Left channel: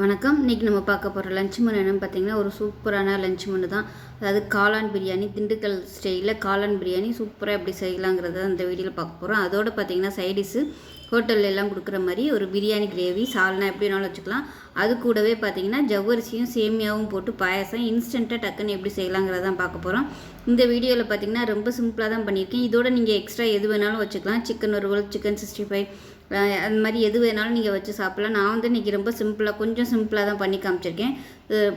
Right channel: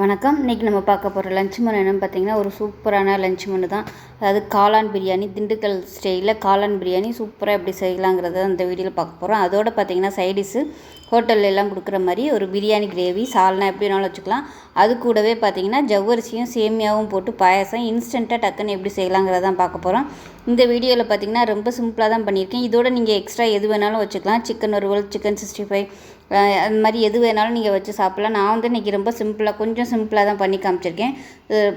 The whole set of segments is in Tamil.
வணக்கம். இன்றைக்கி நம்ம பார்க்க போகிற லஞ்ச் மெனு என்னென்னு பார்த்தீங்கன்னா, ஒரு சூப்பரான லஞ்ச் மெனு தான். அதாவது காளான் பிரியாணி, திண்டுக்கல் ஸ்டைலில் காளான் பிரியாணி சூப்பராக எப்படி செய்யலாங்கிறத இந்த வீடியோவில் பார்க்க போகிறோம். அதோடு பார்த்தீங்கன்னா சைடிஷு ஹோட்டலில் எல்லாம் கொடுக்குற மாதிரி ஒரு பிரியாணி கிரேவி, சால்னா எப்படி வேணாலும் வச்சுக்கலாம். அது கூடவே பார்த்தீங்கன்னா ஜவ்வரிசியும் சேமியாவும் போட்டு பாயாசம் இன்ஸ்டண்ட்டாக டக்குன்னு எப்படி செய்யலாங்கிறத தான் பார்க்க போகிறோம். இந்த வீடியோவில் பார்த்தீங்கன்னா ரொம்ப சிம்பிளாக தான் பண்ணியிருக்கேன். இதோட நீங்கள் எக்ஸ்ட்ரா எது வேணாலும் வச்சுக்கலாம். சிக்கன் வறுவல், சிக்கன் 65 அந்த மாதிரி எது வேணாலும் நீங்கள் வச்சு சாப்பிட்லாம். நான் வந்து இன்றைக்கி ரொம்ப கொஞ்சம் சிம்பிளாக தான் பண்ணி காமிச்சிருக்கேன்.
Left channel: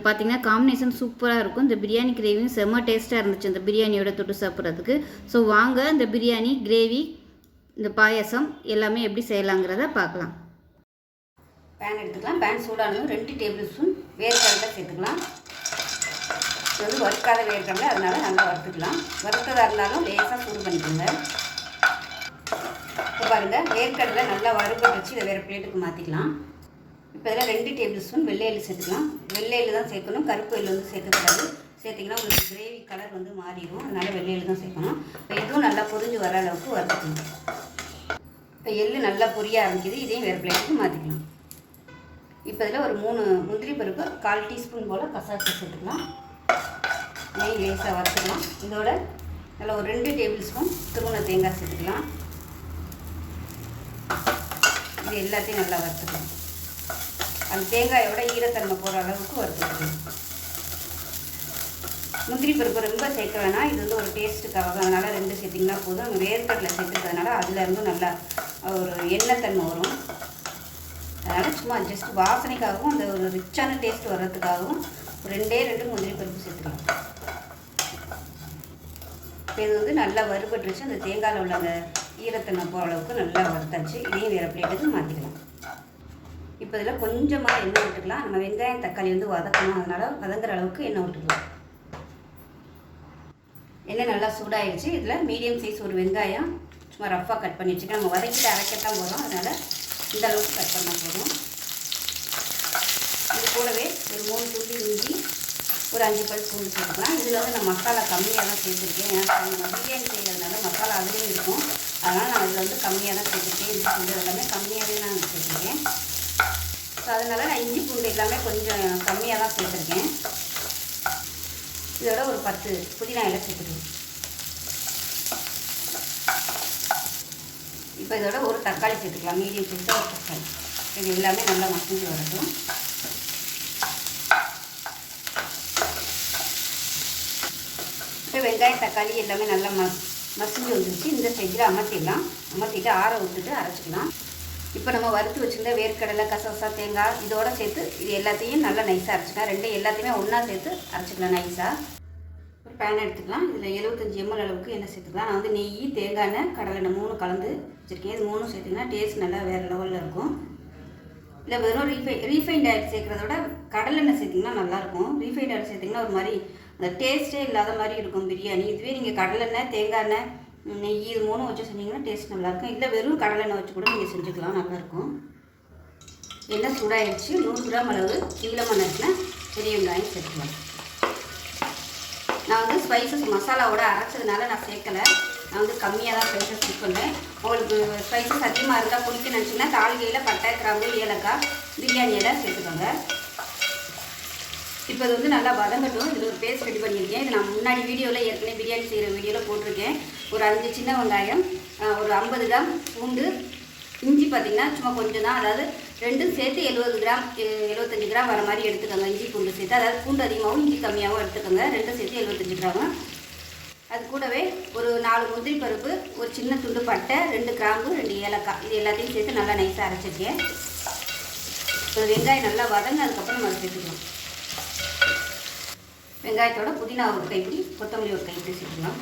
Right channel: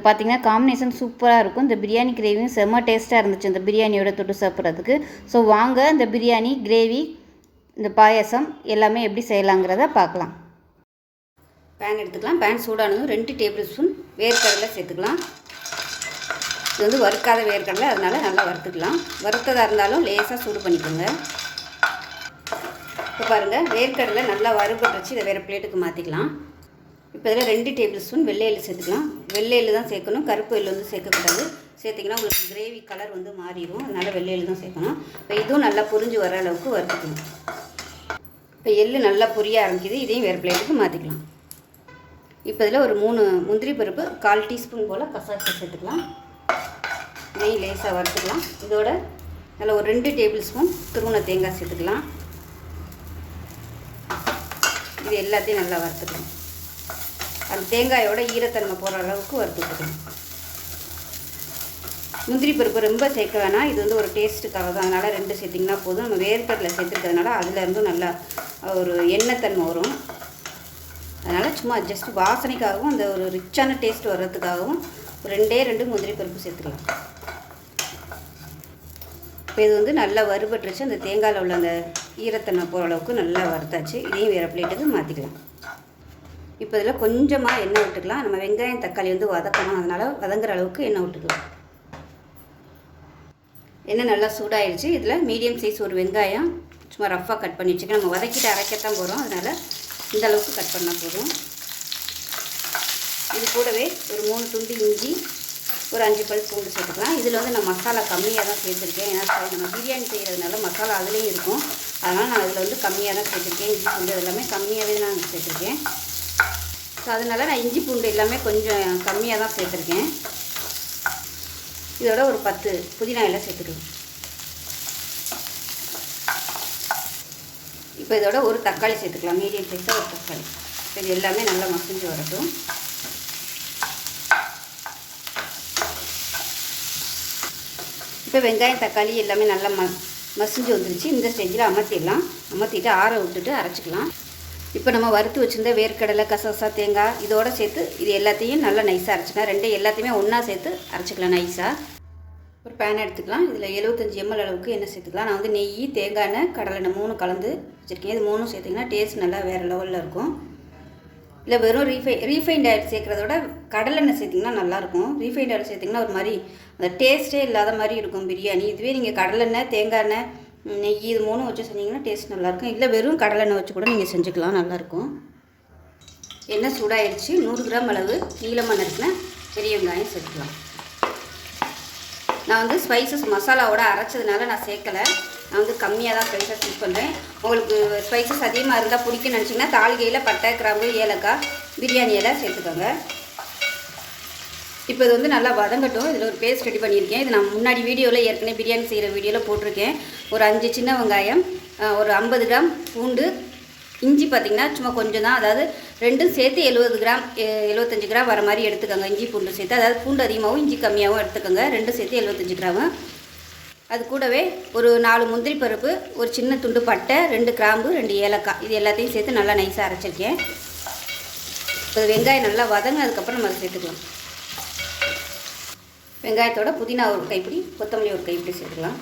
பார்த்திங்கன்னா காம்பினேஷன் சூப்பராக இருக்கும். இந்த பிரியாணி கிரேவியும் செம்ம டேஸ்ட்டாக இருந்துச்சு இந்த பிரியாணியோட தொட்டு சாப்பிட்றதுக்கு. ஸோ வாங்க இந்த பிரியாணி கிரேவி, இந்த பாயசம் எல்லாமே எப்படி செய்யலாங்கிறத பார்க்கலாம். பேன் எடுத்துக்கலாம். பேன் சூடானதும் 2 டேபிள் ஸ்பூன் வேர்க்கடலை சேர்த்துக்கலாம். இது வந்து வறுக்காத வேர்க்கடலை, அதனால் நல்லா வறுத்துக்கலாம். வறுத்ததாக இருந்தாலும் லேசாக சூடு பண்ணிக்கோங்க. இப்போ பாருங்கள், வேர்க்கடலை நல்லா வறுப்பட்டு வச்சு இதை வேறு பிளேட்டுக்கு மாற்றிக்கலாம். இப்போ இதில் 2 டேபிள் ஸ்பூன் வெள்ளை எள்ளு சேர்த்துக்கலாம். வெள்ளை எள்ளு தான் சேர்க்கணும், கருப்பு எள்ளு வந்து சேர்க்கக்கூடாது. சேர்த்திங்கன்னா உங்களுக்கு கிரேவி கலர் வந்து மாறிடும், அதனால் வெள்ளை எள்ளு தான் சேர்க்கணும். இப்போ இதுவும் நல்லா பொரிஞ்சு வர அளவுக்கு வறுத்துக்கணும். இப்போ எள்ளு நல்லா பொரிய ஆரம்பிக்குது, இதையும் வேறு பிளேட்டுக்கு மாற்றிக்கலாம். இப்போ இதில் ஒரு 3 முந்திரி பருப்பு, 1/4 டீஸ்பூன் போல் கசாப்பு சேர்த்துக்கலாம். இதையும் லேசாக வறுத்துக்கலாம். இதோட நல்லா ஒரு 2 டேபிள் ஸ்பூன் துருவின தேங்காய் சேர்த்துக்கலாம். இது எல்லாத்தையும் நல்லா வறுத்துக்கலாம். அந்த தேங்காயோட ஈரத்தன்மை போகிற அளவுக்கு வறுத்துக்கலாம். முந்திரி பருப்பு ரொம்ப சேர்க்க வேணாம், இது வந்து ஒரு டேஸ்ட்டுக்காக தான், அதனால் 2 சேர்த்திங்கன்னா போதும். நம்ம வேர்க்கடலை சேர்த்துக்கிறதுனால அதுலேருந்தும் நல்லா ஒரு எண்ணெய் தன்மை வரும். அதனால் சும்மா ஜஸ்ட் வாசனைக்காகவும் அந்த ஒரு ரிச்சான டேஸ்ட் வர்றதுக்காகவும் 2 முந்திரி பருப்பு சேர்த்துக்கலாம். இப்போ இது வந்து நல்லா வறுபட்டுருச்சு. அந்த தேங்காயில் உள்ள அந்த ஈரத்தன்மை போகிற அளவுக்கு நல்லா வறுத்தாச்சு. இதையும் வேறு பிளேட்டுக்கு மாற்றிக்கலாம். இப்போ இதில் கொஞ்சமாக எண்ணெய் விட்டுக்கலாம். நம்ம வெங்காயம் தக்காளி வந்து வதக்கணும், அதனால் வதங்குற அளவுக்கு எண்ணெய் விட்டுக்கலாம். எண்ணெய் நல்லா சூடாயிடுச்சு. இதில் மீடியம் சைஸ் ஒரு வெங்காயம் சும்மா ரஃப்பாக கட் பண்ணி வச்சுக்கலாம். நம்ம வதக்கிட்டு அரைக்கத்தான் போகிறோம், அதனால் இந்த அளவுக்கு கட் பண்ணால் போதும். இது கூடவே ஒரு 3 துண்டு இஞ்சி, ஒரு 5 பல் பூண்டு சேர்த்துக்கலாம். இதில் வந்து நான் மசாலா கம்மியாக தான் சேர்த்துருக்கேன். ஏன்னா நம்ம பிரியாணி செய்கிறதுனால மசாலா அதுலேயும் இருக்கும், அதனால் நான் அதில் வந்து கம்மியாக தான் சேர்த்துருக்கேன். இஞ்சி பூண்டு எல்லாமே கம்மியாகவே நான் சேர்த்துருக்கேன். ஸோ அதனால் நான் இஞ்சி பூண்டு எல்லாமே கொஞ்சம் கம்மியாக தான் சேர்த்துருக்கேன். இதோட ஒரு 10 புதினா இலை சேர்த்துருக்கேன். இப்போ இதோட ஒரு தக்காளி சேர்த்துக்கலாம், மீடியம் சைஸாக ஒரு தக்காளி. இது எல்லாமே நல்லா மசிஞ்சு வரட்டும். இப்போ வெங்காயம் தக்காளி எல்லாமே நல்லா மசிஞ்சு வந்துருச்சு. இந்த ஸ்டேஜில் அமர்த்திட்டு ஆற விட்டுட்டு அரைச்சிக்கலாம். இப்போ நம்ம வறுத்து வச்சுருந்த வேர்க்கடலை, கசகசா, தேங்காய் இதோட சேர்த்து இது எல்லாத்தையும் நல்லா நைஸாக அரைச்சிக்கலாம். எல்லாத்தையுமே ஒன்றா சேர்த்து அரைச்சிக்கலாம் நைஸாக. ஒரு பேன் எடுத்துக்கலாம். இதில் 75 ml அளவுக்கு எண்ணெய் சேர்த்துக்கலாம். நான் வந்து நெய், தேங்காய் எண்ணெய், கடலை எண்ணெய் 3 கலந்து வச்சுருக்கேன். இது 3 சேர்த்திங்கன்னா டேஸ்ட் நல்லா வேறு லெவலில் இருக்கும். இல்லை வெறும் ரீஃபைண்ட் ஆயில் சேர்க்குறதோட கடலெண்ணெய் சேர்த்திங்கன்னா நல்லாயிருக்கும். ரீஃபைண்ட் ஆயில் சேர்த்திங்கன்னா ஒரு மாதிரி அந்த டேஸ்ட்டே இல்லாத மாதிரி இருக்கும் பிரியாணி. இதுவே நீங்கள் கடலெண்ணெய், தேங்காய் எண்ணெய், நெய் இது 3 வச்சு செஞ்சிங்கன்னா டேஸ்ட் நல்லாயிருக்கும். இல்லை வெறும் கடலெண்ணெய் வச்சு கூட நீங்கள் செஞ்சுக்கலாம், நல்லாயிருக்கும். எண்ணெய் சூடாகிடுச்சு. 100 கிராம் அளவு நீளமாக நறுக்கின பெரிய வெங்காயம் சேர்த்துக்கலாம். நான் வந்து ஸ்பைசஸ் மசாலாவோட அரைச்சதுனால நான் சேர்க்கலை. நான் வந்து கம்மியாக தான் ஸ்பைசஸ் யூஸ் பண்ணுறேன். உங்களுக்கு ஸ்பைசஸ் அதிகமாக இருந்தால் பிடிக்குன்னு நினச்சிங்கன்னா தாளிகையில் பட்டை, கிராம்பு, ஏலக்காய், பிரியாணி எல்லாம் சேர்த்துக்கோங்க. இப்போ இது வந்து நல்லா வதங்கட்டும். இதில் ஒரு பேஸ்ட் ரெடி பண்ணியிருக்கேன். இது நான் முன்னாடி வீடியோவில் ஏற்கனவே பிரியாணி செய்கிற வீடியோவில் போட்டிருக்கேன். ஒரு 5 சின்ன வெங்காயம், ஒரு 50 கிராம் பூண்டு, இஞ்சி பார்த்திங்கன்னா சும்மா கொஞ்சம் தான், அதாவது 2 சேர்த்து 70 கிராம் 75 கிராம் வர மாதிரி எடுத்துக்கோங்க. இஞ்சி பூண்டு சேர்த்து, அதாவது பூண்டு அதிகமாகவும் இஞ்சி கம்மியாகவும் எடுத்துக்கோங்க. 2 சேர்த்து 75 கிராமு. அது கூடவே ஒரு 4 முந்திரி பருப்பு, ஒரு சின்ன துண்டு பட்டை, 2 கிராம்பு, 2 ஏலக்காய் இது எல்லாத்தையும் சேர்த்து நல்லா நைஸாக அரைச்சிருக்கேன். இப்போ வெங்காயம் நல்லா வதங்கினதுக்கப்புறம் நம்ம சேர்த்துக்கலாம். வெங்காயத்தோட புதினா ஒரு கைப்பிடி, கொத்தமல்லி ஒரு கைப்பிடி சேர்த்துக்கலாம்.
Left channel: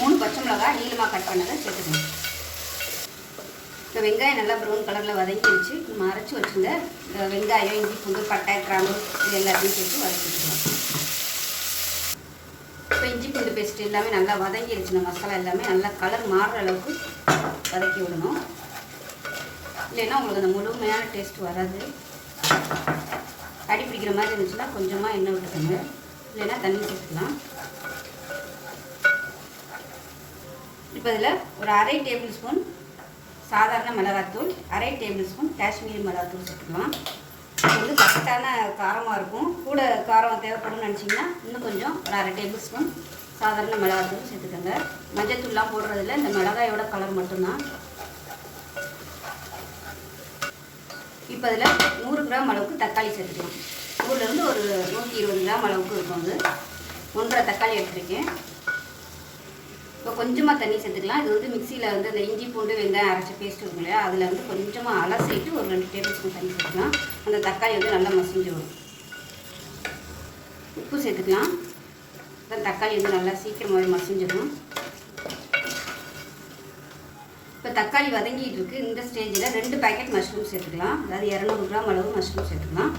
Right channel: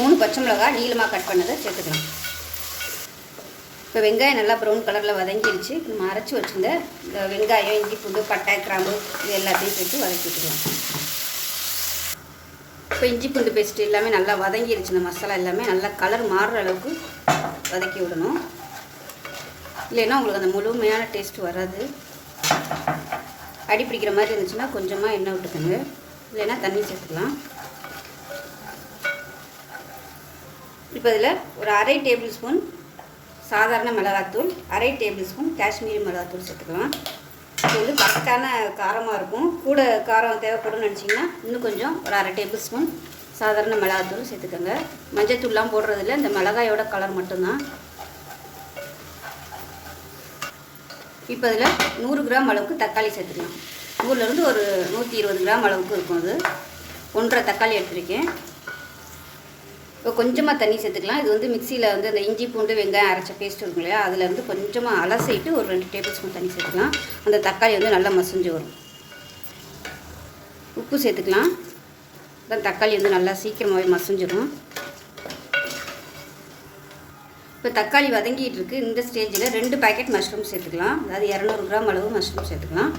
3 பச்சை மிளகாய் நீளமாக கட் பண்ணதை சேர்த்துக்கலாம். இப்போ வெங்காயம் நல்லா ப்ரௌன் கலரில் வதங்கிடுச்சு. நம்ம அரைச்சி வச்சுருந்த வெங்காயம், இஞ்சி பூண்டு, பட்டை, கிராம்பு இது எல்லாத்தையும் சேர்த்து வதக்கிக்கலாம். இப்போ இஞ்சி பூண்டு பேஸ்ட்டு எல்லாமே நல்லா வதங்கிடுச்சு. இந்த மசாலா எல்லாமே நல்லா கலர் மாறுற அளவுக்கு வதக்கி விடணும். இல்லைன்னா உங்களுக்கு அந்த முழுமையான டேஸ்ட் வராது. அடி பிடிக்கிற மாதிரி இருந்துச்சுன்னா கொஞ்சமாக எண்ணெய் விட்டுக்கோங்க, இல்லைன்னா தண்ணி சேர்த்துக்கலாம். இப்போ இதில் ஒரு 1/2 டேபிள் ஸ்பூன் சாதாரண மிளகாத்தூள், அரை டேபிள் ஸ்பூன் காஷ்மீரி மிளகாத்தூள் சேர்த்துக்கலாம். இது வந்து கரெக்டான காரமாக இருக்கும். கூட காரம் தேவைப்படும்னு நினச்சிங்கன்னா இன்னும் கொஞ்சம் ஒரு அரை டேபிள் ஸ்பூன் சாதாரண மிளகாத்தூள் சேர்த்துக்கோங்க. மஞ்சத்தூள்லாம் போடுறதில்ல, இந்த மிளகாயோட கலர் மட்டும்தான். இப்போ அதில் 100 கிராம் அளவுக்கு தக்காளி சேர்த்துக்கலாம். 100லேருந்து ஒரு 120 கிராம் அளவுக்கு இருக்கும். அது 1.5 தக்காளி எடுத்துருக்கேன். இப்போ கொஞ்சமாக தண்ணி சேர்த்துக்கலாம். இது வந்து மிக்சியில் வந்து இந்த இஞ்சி பூண்டு வெங்காயம் அரைச்ச பேஸ்ட் இருக்கும் இல்லையா, அதில் வந்து கொஞ்சமாக அலசிட்டு ஒரு 2 டேபிள் ஸ்பூன் தண்ணி சேர்த்துக்கலாம். அந்த தக்காளி வந்து நல்லா மசிஞ்சு வரும். உப்பு சேர்த்துக்கலாம். இப்போ தக்காளி வந்து நல்லா சீக்கிரமாகவே மசிஞ்சிடும். இப்போ தக்காளி வதங்கிட்டு இருக்குது. இந்த ஸ்டேஜில் 2 பாக்கெட் மஷ்ரூம் சேர்த்துக்கலாம். அதாவது 200 கிராம் அளவு மஷ்ரூம் சேர்த்துக்கலாம்.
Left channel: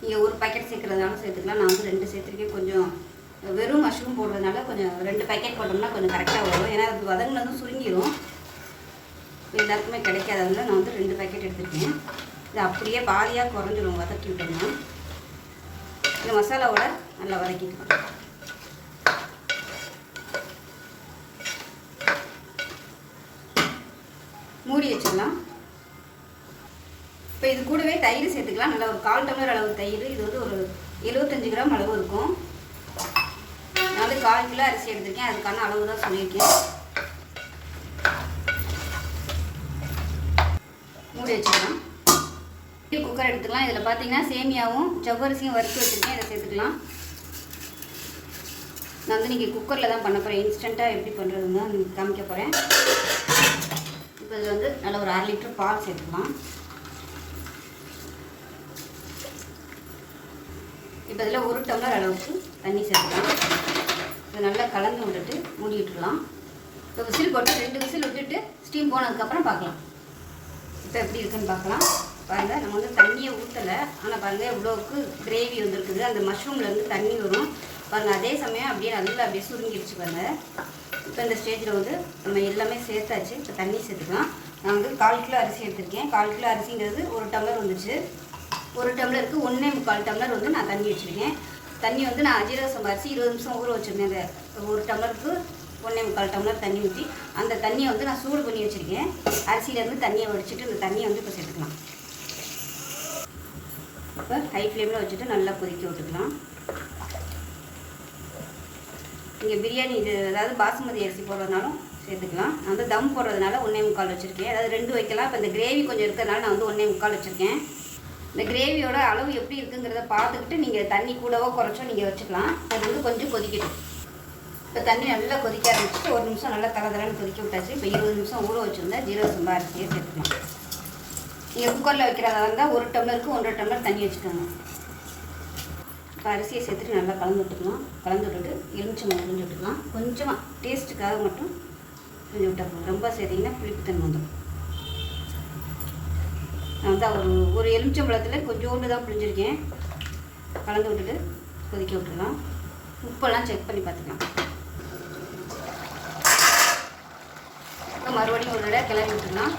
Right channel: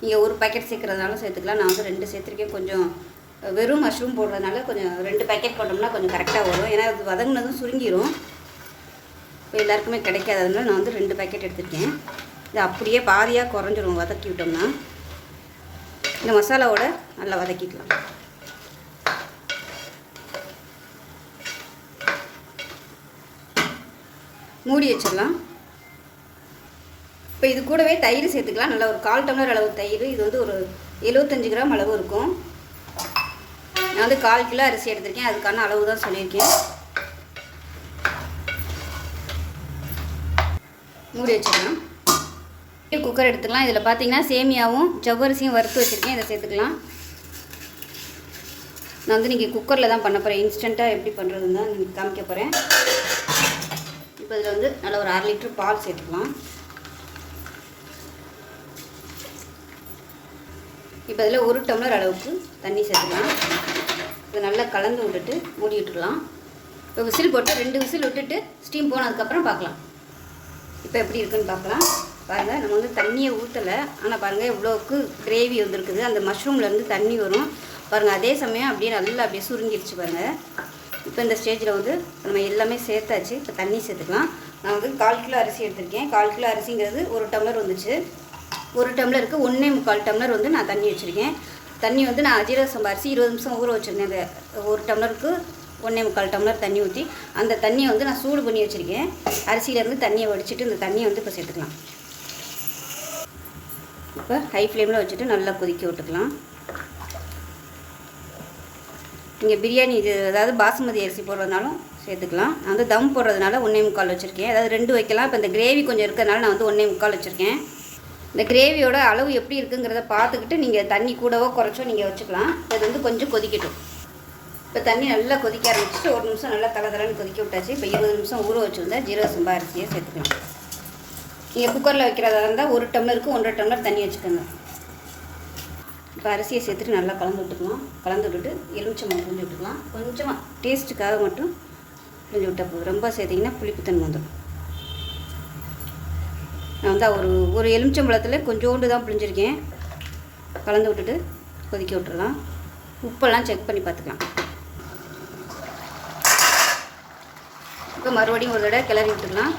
நீங்கள் ஒரு பாக்கெட் சேர்க்குறதுனால சேர்த்துக்கலாம். நான் வந்து 2 சேர்த்துருக்கேன். கொஞ்சம் வெறும் மஷ்ரூம் போடுறதுனால கொஞ்சம் 2 பாக்கெட் போட்டோம்னா கொஞ்சம் கரெக்டாக வரும். ஏன்னா அது வதங்கினதும் சுருங்கிடும். இப்போ எல்லாருக்குமே கிடைக்காததுனால நான் வந்து 2 பாக்கெட் எடுத்துருக்கேன். இது அப்படியே பாதியாக குறைஞ்சிடும் வதக்கி விட்டோம்னா. இந்த மசாலாவோட நல்லா வதக்கிக்கலாம். மூடி வச்சிடலாம். இப்போ இது கூடவே தயிர் சேர்த்துக்கலாம். நல்லா ஒரு 1/4 டம்ளர் அளவு தயிர். இது வந்து ஒரு 75 கிராம் அளவு இருக்கும். நான் வந்து 1/4 கிலோ அரிசி எடுத்திருக்கேன். அதுக்கான அளவு தான் சொல்லியிருக்கேன். மூடி வச்சுக்கலாம். குக்கர் எடுத்துக்கலாம். இதில் பார்த்தீங்கன்னா சேமியாவும் ஜவ்வரிசியும் வறுத்து வச்சுருக்கேன். இதை சேர்த்துக்கலாம். நான் வந்து நீங்கள் குக்கரில் தான் பண்ண போகிறேன். இன்ஸ்டண்ட்டாக எப்படி பண்ணுறதுன்னு தான் நீங்கள் காமிக்க போகிறேன். இப்போ இதில் வந்து நல்லா ஒரு 1/2 லிட்டர் பால் சேர்த்துக்கலாம். இப்போ இதில் 1 டம்ளர் அளவுக்கு தண்ணி சேர்த்துக்கலாம். இதை நல்லா கலந்து விட்டுட்டு மூடி விட்டுக்கலாம். இப்போ விசில் போட்டு 2 விசில் விட்டுட்டு ஸ்டீம் போனதுக்கப்புறம் பார்க்கலாம். இப்போ எப்படி இருக்குன்னு பார்க்கலாம். பாருங்கள், நம்ம வந்து தண்ணியை ஊற்றலை. ஆனால் பாருங்கள் இவ்வளோவுக்கு கிரேவி வந்துருக்குது. அந்த மஷ்ரூம்லேருந்து தண்ணி வரும் பாருங்கள். அதே சமயம் அப்படியே நல்லா அப்படியே சுருங்கிடுச்சு பாருங்கள். இப்போ இந்த ஸ்டேஜில் வந்து நம்ம எல்லாமே சேர்த்தாச்சு. இப்போ தண்ணி சேர்த்துக்கலாம். நான் வந்து 1/4 கிலோ அரிசி எடுத்திருக்கேன். 1/4 கிலோ அரிசிங்கிறது 1 டம்ளர் வந்துச்சு. 1 டம்ளருக்கு 1.25 டம்ளர் வந்து நான் தண்ணி வச்சுருக்கேன். தண்ணி வந்து நான் ஜீரக சம்பா அரிசி 20 நிமிஷம் ஊற வச்சுருக்கேன். அந்த 1 டம்ளருக்கு 1.25 டம்ளர் தண்ணி ஊற்றி அந்த தண்ணியை வந்து நான் சூடு பண்ணி வச்சுருக்கேன். அரிசியிலேருந்து தண்ணியை வடிச்சிட்டு இந்த தண்ணியை வந்து இப்போ சேர்த்துக்கலாம். இப்போ ஹை ஃப்ளேமில் வச்சுட்டு நல்லா கொதிக்க விட்டுக்கலாம். நீங்கள் பிரியாணி இது அதாவது பாசுமதி அரிசி போடுறதுனாலும் சேர்த்துக்கலாம். நான் வந்து தம் போடுறதுனால 1.25 வச்சுருக்கேன். அதாவது 2 வைக்கலாம். இப்போ இந்த கிரேவி கொஞ்சம் இருக்கிறதுனால நான் வந்து 1.25 வச்சுருக்கேன். இந்த கிரேவியோட அளவு எப்படி இருக்குங்கிறத பார்த்துக்கிட்டு நீங்கள் தண்ணி கூடவோ குறைச்சோ நீங்கள் வச்சுக்கலாம். இது வந்து கொஞ்சம் கொதிக்கட்டும். இப்போ தண்ணி நல்லா கொதிக்க ஆரம்பிச்சுட்டு 1 நிமிஷம் நல்லா தலன்னு கொதிக்க விட்டாச்சு. இப்போ 20 நிமிஷம் ஊற வச்சுருந்தா ஜீரக சம்பா அரிசியை சேர்த்துக்கலாம். நீங்கள் குக்கரில் வைக்கிறதா இருந்தால் 1 டம்ளருக்கு 1.5 டம்ளர் தண்ணி வச்சுக்கோங்க. இப்போ அரிசியை சேர்த்துட்டு நல்லா கலந்து விட்டுக்கலாம். கலந்து விட்டுட்டு எலுமிச்சம்பழம் கொஞ்சம் விட்டுக்கலாம். கொஞ்சமாக டேஸ்ட்டுக்காக மட்டும் கொஞ்சம் விட்டால் போதும். ரொம்ப சேர்த்திங்கன்னா புளிப்புத்தன்மை வந்துடும். நான் வந்து ஒரு எலுமிச்சம்பழத்தில் கொஞ்சோண்டு தான் புளிஞ்சிருக்கேன். கலந்து விட்டுட்டு கொதிக்க விட்டுடலாம். உப்பெல்லாம் செக் பண்ணி பார்த்துக்கலாம். இப்போ மறுபடியும் ஒரு தடவை கிளறி விட்டுடலாம்.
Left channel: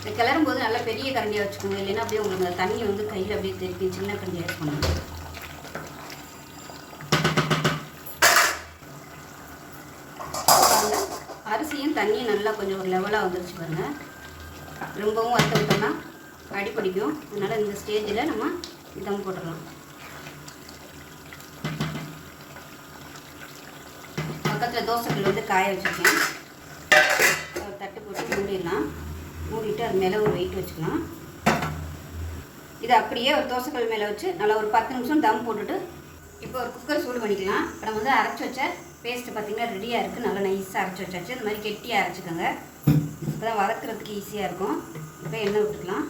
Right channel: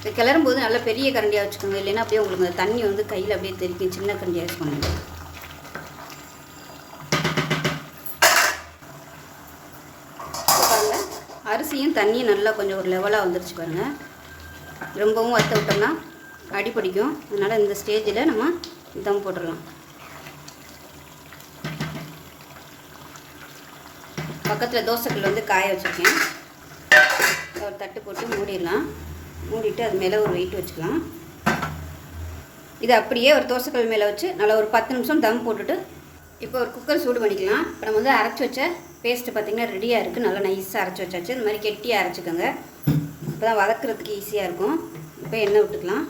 இது கிளறும் போது நல்லா பெரிய கரண்டியாக வச்சுக்கோங்க. இல்லைன்னா அப்படியே உங்களுக்கு அந்த தண்ணி வந்து கையில் அப்படியே தெரிக்கும். சின்ன கரண்டியாக வச்சுக்கோங்க. அரிசியும் தண்ணியும் நல்லா கொஞ்சம் ஒரு லெவலாக வந்துருச்சு பாருங்கள். ரொம்பவும் வறுத்து விட்டோம்னா அடி பிடிக்கும். அதனால் இந்த ஸ்டேஜில் நம்ம இதான் போட்டுடலாம். பக்கத்தில் தோசைக்கல் வந்து காய வச்சுருக்கேன். ஒரு தட்டு போட்டு மூடிடலாம். மூடிட்டு அது மேலே ஒரு வெயிட் வச்சுக்கலாம். இதை அப்படியே ஒரு தோசைக்கல் மேலே வச்சு நல்லா ஒரு 10 நிமிஷம் தம் போட்டுட்டு இப்போ ஒரு குக்கர் சூடு பண்ணிக்கலாம். இப்போ நம்ம வந்து அரைச்சி வச்ச பேஸ்ட்டு பார்த்திங்கன்னா ரெடியாக இருக்குது. நல்லா நைஸாக அரைச்சி வச்சாச்சு. இந்த மாதிரி கெட்டியாக அரைச்சிக்கோங்க. இப்போ தான் வதக்கிறதுக்கு ஈஸியாக இருக்கும். இப்போ எண்ணெய் விட்டுக்கலாம்.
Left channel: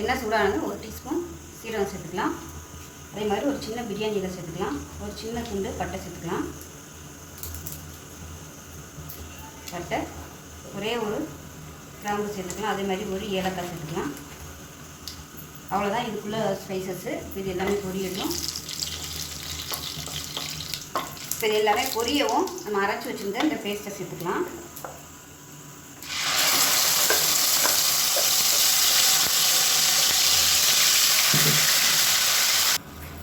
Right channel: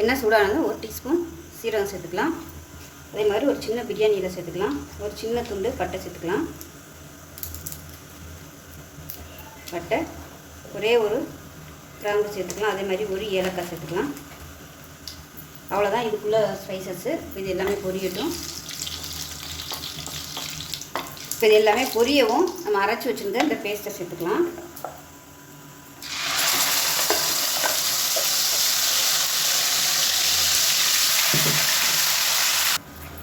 எண்ணெய் சூடானது 1 டீஸ்பூன் சீரகம் சேர்த்துக்கலாம். அதே மாதிரி ஒரு சின்ன பிரியாணி இலை சேர்த்துக்கலாம். ஒரு சின்ன துண்டு பட்டை சேர்த்துக்கலாம். பட்டை ஒரே ஒரு கிராம்பு சேர்த்துக்கலாம். அதே மாதிரி ஒரு ஏலக்காய் சேர்த்துக்கலாம். அவ்வளோதான் இதுக்குள்ளே ஸ்பைசஸ்ஸு. இது எல்லாமே பொரியட்டும். இப்போ இது எல்லாமே பொரியவும் நம்ம அரைச்சி வச்சுருந்த இந்த பேஸ்ட்டை சேர்த்துக்கலாம்.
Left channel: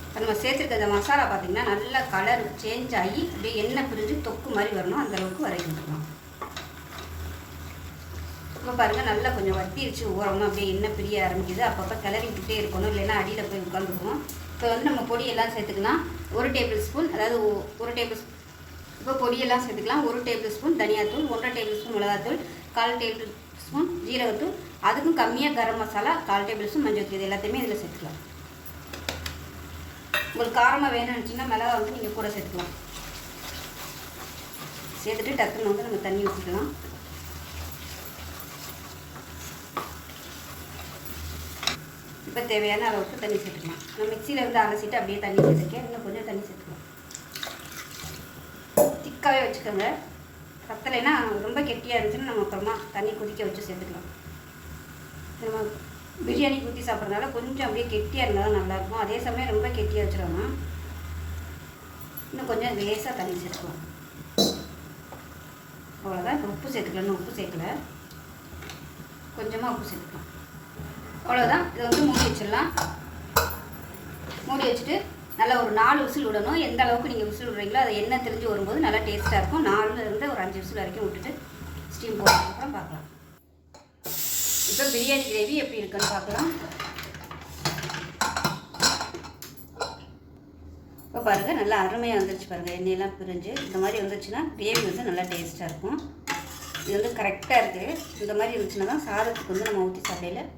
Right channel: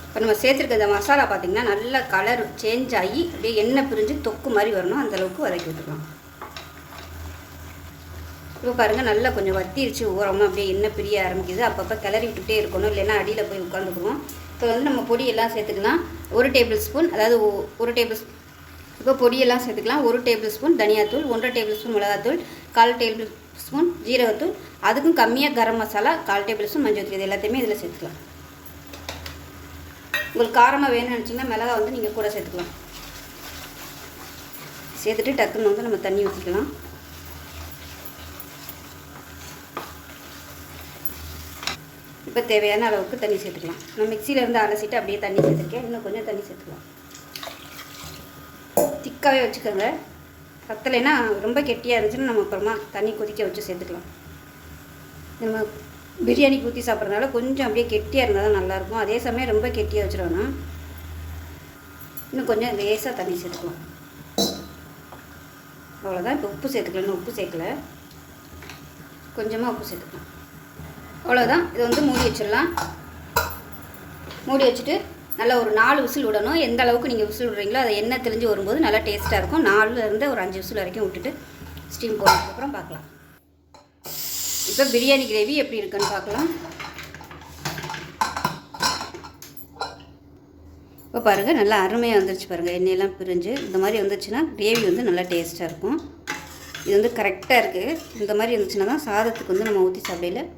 இப்போ நம்ம சேர்த்துருக்க இந்த மசாலா பார்த்திங்கன்னா நல்லா கலர் சேஞ்ச் ஆகி அப்படியே எண்ணெய் பிரிஞ்சு தொக்கு மாதிரி வரணும், அந்தளவுக்கு வதக்கி விட்டுக்கலாம். இப்போ பாருங்கள் நல்லா கொஞ்சம் வத்திருச்சு, ஓரமாக அப்படியே எண்ணெய் பிரிய ஆரம்பிக்குது. அப்பப்போ கிளறி விட்டுட்டே இருக்கணும், இல்லைன்னா அடியில் போய் உட்காந்துக்கணும். இப்போ வந்து நம்ம பொடியெல்லாம் சேர்த்துக்கலாம். 1 டேபிள் ஸ்பூன், அதாவது 1 டேபிள் ஸ்பூன் இப்போ பொடியெல்லாம் சேர்த்துக்கலாம். 1 டேபிள் ஸ்பூன் தனியாத்தூள், 1.5 டேபிள் ஸ்பூன் மிளகாத்தூள், 1/4 டேபிள் ஸ்பூன் ஜீரகத்தூள், அதுக்கும் கம்மியாக கரம் மசாலா, 1/4 டேபிள் ஸ்பூன் மஞ்சள் தூள், இது எல்லாத்தையுமே இதில் சேர்த்துக்கலாம். உங்களுக்கு காரமாக வேணும்னு நினச்சிங்கன்னா மிளகா வந்து நீங்கள் கூட சேர்த்துக்கலாம். சேர்த்துட்டு டக்குன்னு வந்து நம்ம தண்ணி ஊற்றிக்கலாம். இப்போ தேவையான அளவுக்கு தண்ணி சேர்த்துக்கலாம். நான் மிக்சியில் இருந்து அரைச்சிட்டு அப்படியே தண்ணி சேர்த்துருக்கேன். இன்னும் கொஞ்சம் தண்ணி சேர்த்துக்கலாம். திக்காகவே வச்சுக்கோங்க. பத்தலைன்னா ரொம்ப கெட்டியாக இருந்துச்சுன்னா நம்ம அப்புறமா தண்ணி கொதிக்க வச்சு சேர்த்துக்கலாம். நம்ம பிரியாணி ஊற்றி சாப்பிட்றதுனால கொஞ்சம் அப்படியே கெட்டியாக இருந்தால் தான் நல்லாயிருக்கும். அதே சமயம் ரொம்ப கெட்டியாக வச்சுருவோன்னா இன்னும் கொஞ்சம் லேசாக தண்ணி சேர்த்துக்கலாம். அவ்வளோதான். இப்போ உப்பு சேர்த்துக்கலாம். இன்னும் உப்பு சேர்க்கல, கொஞ்சமாக உப்பு சேர்த்துக்கலாம். அவ்வளோதான். இது வந்து மூடி வச்சிடலாம். மூடி வச்சுட்டு நல்லா ஒரு 4 விசில் விடணும். எந்த அளவுக்கு நீங்கள் விசில் விடுறீங்களோ அதை எண்ணெய் தெளிஞ்சு வரும்போது நல்லா டேஸ்ட்டாக இருக்கும். 4லேருந்து ஒரு 5 விசில் வரைக்கும் விட்டுட்டு ஸ்டீம் போட்டதுக்கப்புறம் பார்க்கலாம். இப்போ பிரியாணி கிரேவி எப்படி இருக்குன்னு பார்க்கலாம். இப்போ பாருங்கள் நல்லா அருமையாக வந்துருச்சு பாருங்கள். எண்ணெயெல்லாம் பிரிஞ்சு இந்த மாதிரி வந்துச்சுன்னா கிரேவி வந்து நல்லா டேஸ்ட்டாக இருக்கும். இது வந்து கரெக்டாக இருக்குது. இந்த மாதிரி இருந்துச்சுன்னா தான் சாதத்துக்கு வந்து நம்ம ஊற்றி சாப்பிடையில்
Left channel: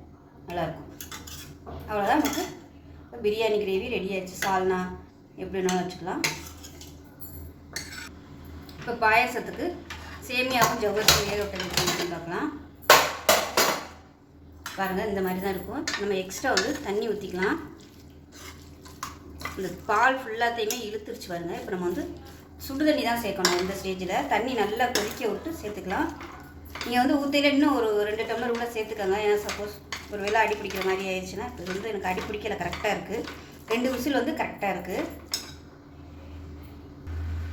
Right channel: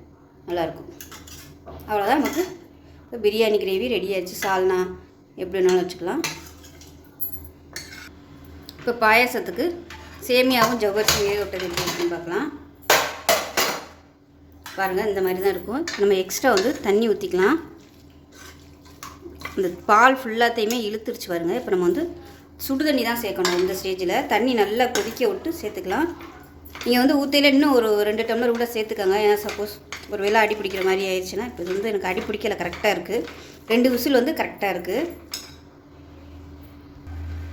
நல்லாயிருக்கும். அவ்வளோதான். நமக்கு இப்போ பிரியாணி கிரேவி ரெடி ஆகிடுச்சு. சால்னா எப்படின்னு வச்சுக்கலாம். இப்போ பாயாசத்துக்கு சேமியாவும் ஜவ்வரிசி வேக விட்டது எப்படின்னு பார்க்கலாம். பாருங்கள் இந்த மாதிரி தான் இருக்கும். நம்ம எக்ஸ்ட்ரா வந்து தண்ணி ஊற்றிக்கலாம். இந்த பால் ஃபுல்லாத்தையுமே இழுத்துருச்சு பாருங்கள். இப்போ நம்ம வந்து சுடு தண்ணி தான் சேர்க்கணும். இந்த ஸ்டேஜில் தண்ணி நல்லா கொதிக்க விட்டு சேர்த்துக்கலாம். நீங்கள் வந்து ஊற்றையில் இன்னும் ஒரு 2 டம்ளர் கூட சேர்த்துக்கோங்க. ஏன்னா சப்போஸ் ஒரு வேளை அடி பிடிக்கிற மாதிரி ஆயிடுச்சுன்னா, இப்போ வந்து எனக்கு அடி பிடிக்கல, கரெக்டாக இருக்குது. 2 விசில் வந்து கரெக்டாக இருக்குது.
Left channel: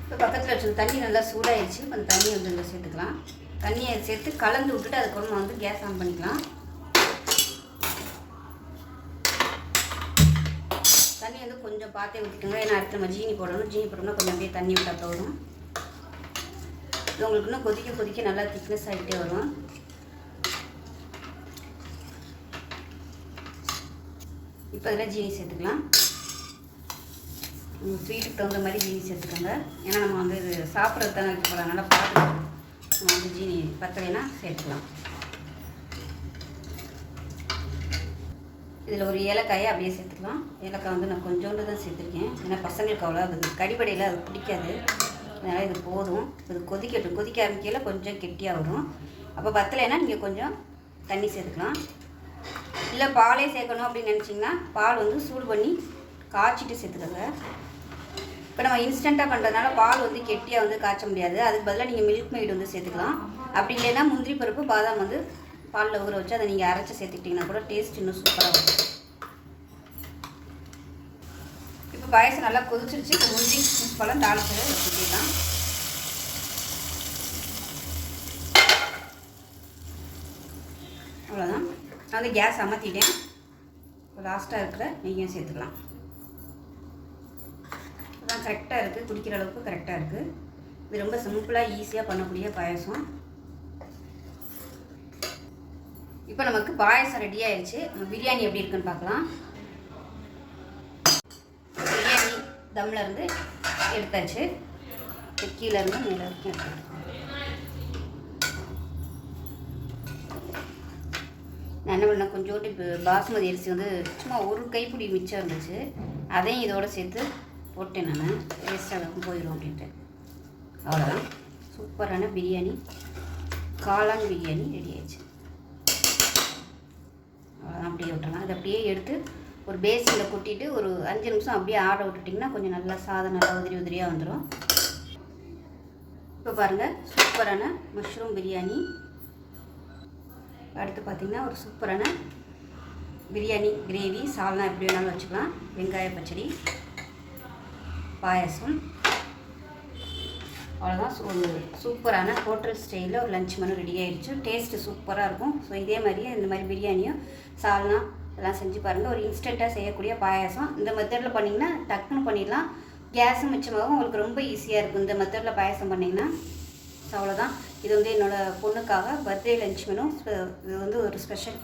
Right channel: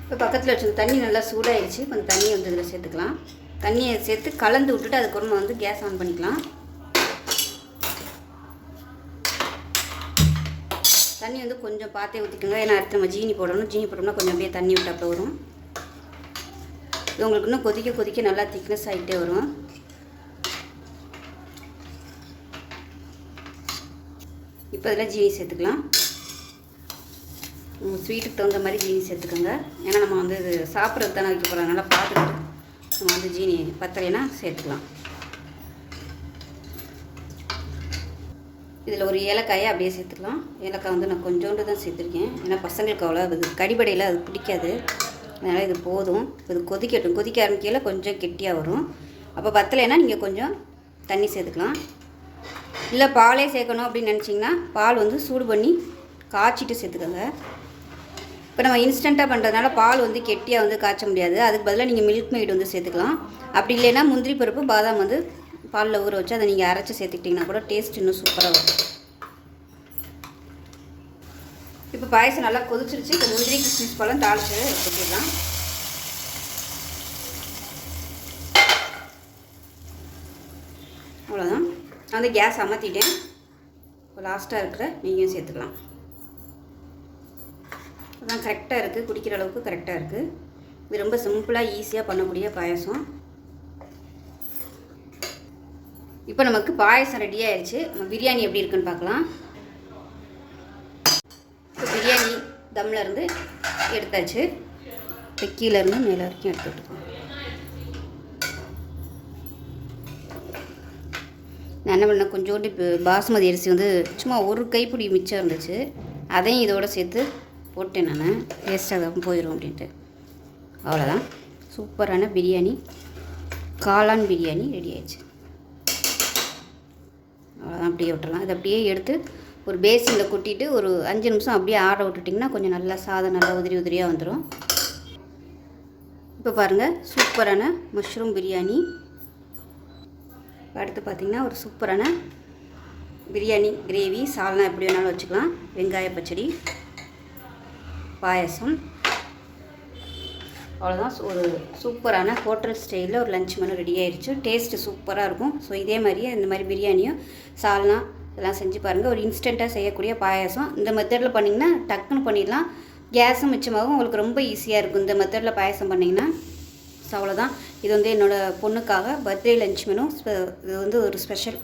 இப்போ பக்கத்தில் வச்சு தண்ணி நல்லா சூடாகிடுச்சு. இப்போ அந்த தண்ணி வந்து இதில் சேர்த்துக்கலாம். தண்ணியை சேர்த்து கலந்து விட்டுட்டு அதுக்கப்புறமா வந்து கேஸ் ஆன் பண்ணிக்கலாம். தண்ணி வந்து கொஞ்சம் பார்த்தே ஊற்றிக்கோங்க. ஏன்னா அடுத்து நம்ம ஜீனி போடணும். ஜீனி போட்டோம்னா கொஞ்சம் அப்படியே தண்ணி விட்டாப்ப வரும். இது உங்களுக்கு இன்னும் கொதிக்க கொதிக்க நல்லா திக்னஸ் ஆகிட்டே வரும். இப்போ இதில் ஜீனி சேர்த்துக்கலாம். ஸ்வீட்டுக்கு தகுந்த மாதிரி ஜீனி சேர்த்துக்கோங்க. ஏன்னா நம்ம வந்து இது சாப்பிட்றது தானே வைக்க போகிறோம். நல்லா பார்த்துக்கிட்டு நம்ம வந்து ஜீனி பத்தலைன்னா சேர்த்துக்கலாம். இதில் ஒரு ஏலக்காயை அப்படியே சேர்த்துக்கலாம். ஏலக்காய் வந்து நான் கொஞ்சோண்டு தான் சேர்த்துருக்கேன். ஏன்னா பசங்களுக்கு அவ்வளோ அது கடிபடையில் அது பிடிக்காது. அதனால் இது போதும். இது கொதிக்கட்டும். கொதிக்க ஆரம்பிக்கையில் கொஞ்சம் கெட்டியாக வரும். அப்போ பத்தலைன்னா நீங்கள் கொஞ்சம் தண்ணி சேர்த்துக்கலாம். இல்லை பாலே சேர்க்கணும் அப்படின்னு நினச்சிங்கன்னா பால் வந்து சூடு பண்ணி காய்ச்சிட்டு சேர்த்துக்கோங்க. இப்போ நம்ம இன்ஸ்டண்ட்டாக பண்ணுறதுனால பால் வந்து கெட்டியாக வந்து காய்ச்ச முடியாது. அதுக்கு பதிலாக நீங்கள் மில்க் மெய்டு வந்து சேர்த்துக்கலாம். அப்படி இல்லைன்னா முந்திரி பருப்பு பாதாம் வந்து பாலில் ஊற வச்சு அதை நீங்கள் அரைச்சி சேர்த்துக்கிட்டிங்கன்னா கூட டேஸ்ட் இன்னும் சூப்பராக வரும். இப்போ பாயசம் நல்லா கொதிச்சிருச்சு. இப்போ முந்திரி கிஸ்மிஸ் பழம் தாளிச்சு எடுத்துக்கலாம். அவ்வளோதான். நான் வந்து கேஸ் அமர்த்திட்டேன். இப்போ லாஸ்ட்டாக இருக்கிற நெய்யும் சேர்த்துக்கலாம். அதான் கரெக்டாக இருக்குது. குடிக்கிற அளவுக்கு கரெக்டாக இருக்குது. இது ரொம்ப சிம்பிளாக ஈஸியாக பண்ணக்கூடிய பாயசம். இப்போ நமக்கு பாயசம் ரெடி ஆயிடுச்சு. பிரியாணி எப்படி இருக்குன்னு பார்க்கலாம். பிரியாணி தம்மில் இருந்து எடுத்தாச்சு. கீழே இருந்து மேலே வரைக்கும் எடுத்துக்கிட்டோம். நான் என்ன பண்ணேன், கொஞ்சோண்டு இப்போ பாசுமதி அரிசி வந்து சும்மா ஒரு கைப்பிடி மிச்சம் இருந்துச்சு. அதையும் இதோடு சேர்த்து போட்டேன். நான் டேஸ்ட்டாக போயிடும் அப்படின்ட்டு. அவ்வளோதான். சூப்பரான பிரியாணி, காளான் பிரியாணி ரெடி ஆயிடுச்சு. அவ்வளோதான். அப்படியே விட்டுறலாம். இதை அப்படியே எடுத்து ஒரு பேசினில் கொட்டிட்டு ஒரு 5 நிமிஷம் அப்படியே ஆட விட்டுட்டிங்கன்னா கொஞ்சம் நல்லா சாதம் நல்லா உதிரி உதிரியாக வந்துடும். இப்போ பாருங்கள் சூப்பரான மஷ்ரூம் பிரியாணி. அடுத்து பார்த்திங்கன்னா ஒரு சூப்பரான பிரியாணி கிரேவி, சால்னா எப்படி வேணாலும் வச்சுக்கலாம். வெங்காய பச்சடி, பாயசம். அவ்வளோதான். ஒரு சூப்பரான ஹோட்டல் ஸ்டைலில் ஒரு லஞ்ச் மெனு ரெடி ஆகிடுச்சு. டேஸ்ட்டு சூப்பராக இருக்கும். ஸோ இதே மாதிரியே இந்த மாதிரி பிரியாணியும் சால்னா இதெல்லாம் செஞ்சு பாருங்கள். ஒரு இன்ஸ்டண்ட்டாக செய்யக்கூடிய பாயாசம். இந்த மெத்தடில் பண்ணிங்கன்னா டக்குன்னு பண்ணிடலாம். கேஸும் மிச்சமாகவும் உங்களுக்கு ரொம்ப ஈஸியாக இருக்கும் இந்த மெத்தடில் பாயாசம் பண்ணிங்கன்னா. ஸோ அவ்வளோதான். இது வந்து என்னோடய பொண்ணுக்காக பர்த்டே லஞ்ச் மெனு. இது வந்து ஒரு ஸ்பெஷல்.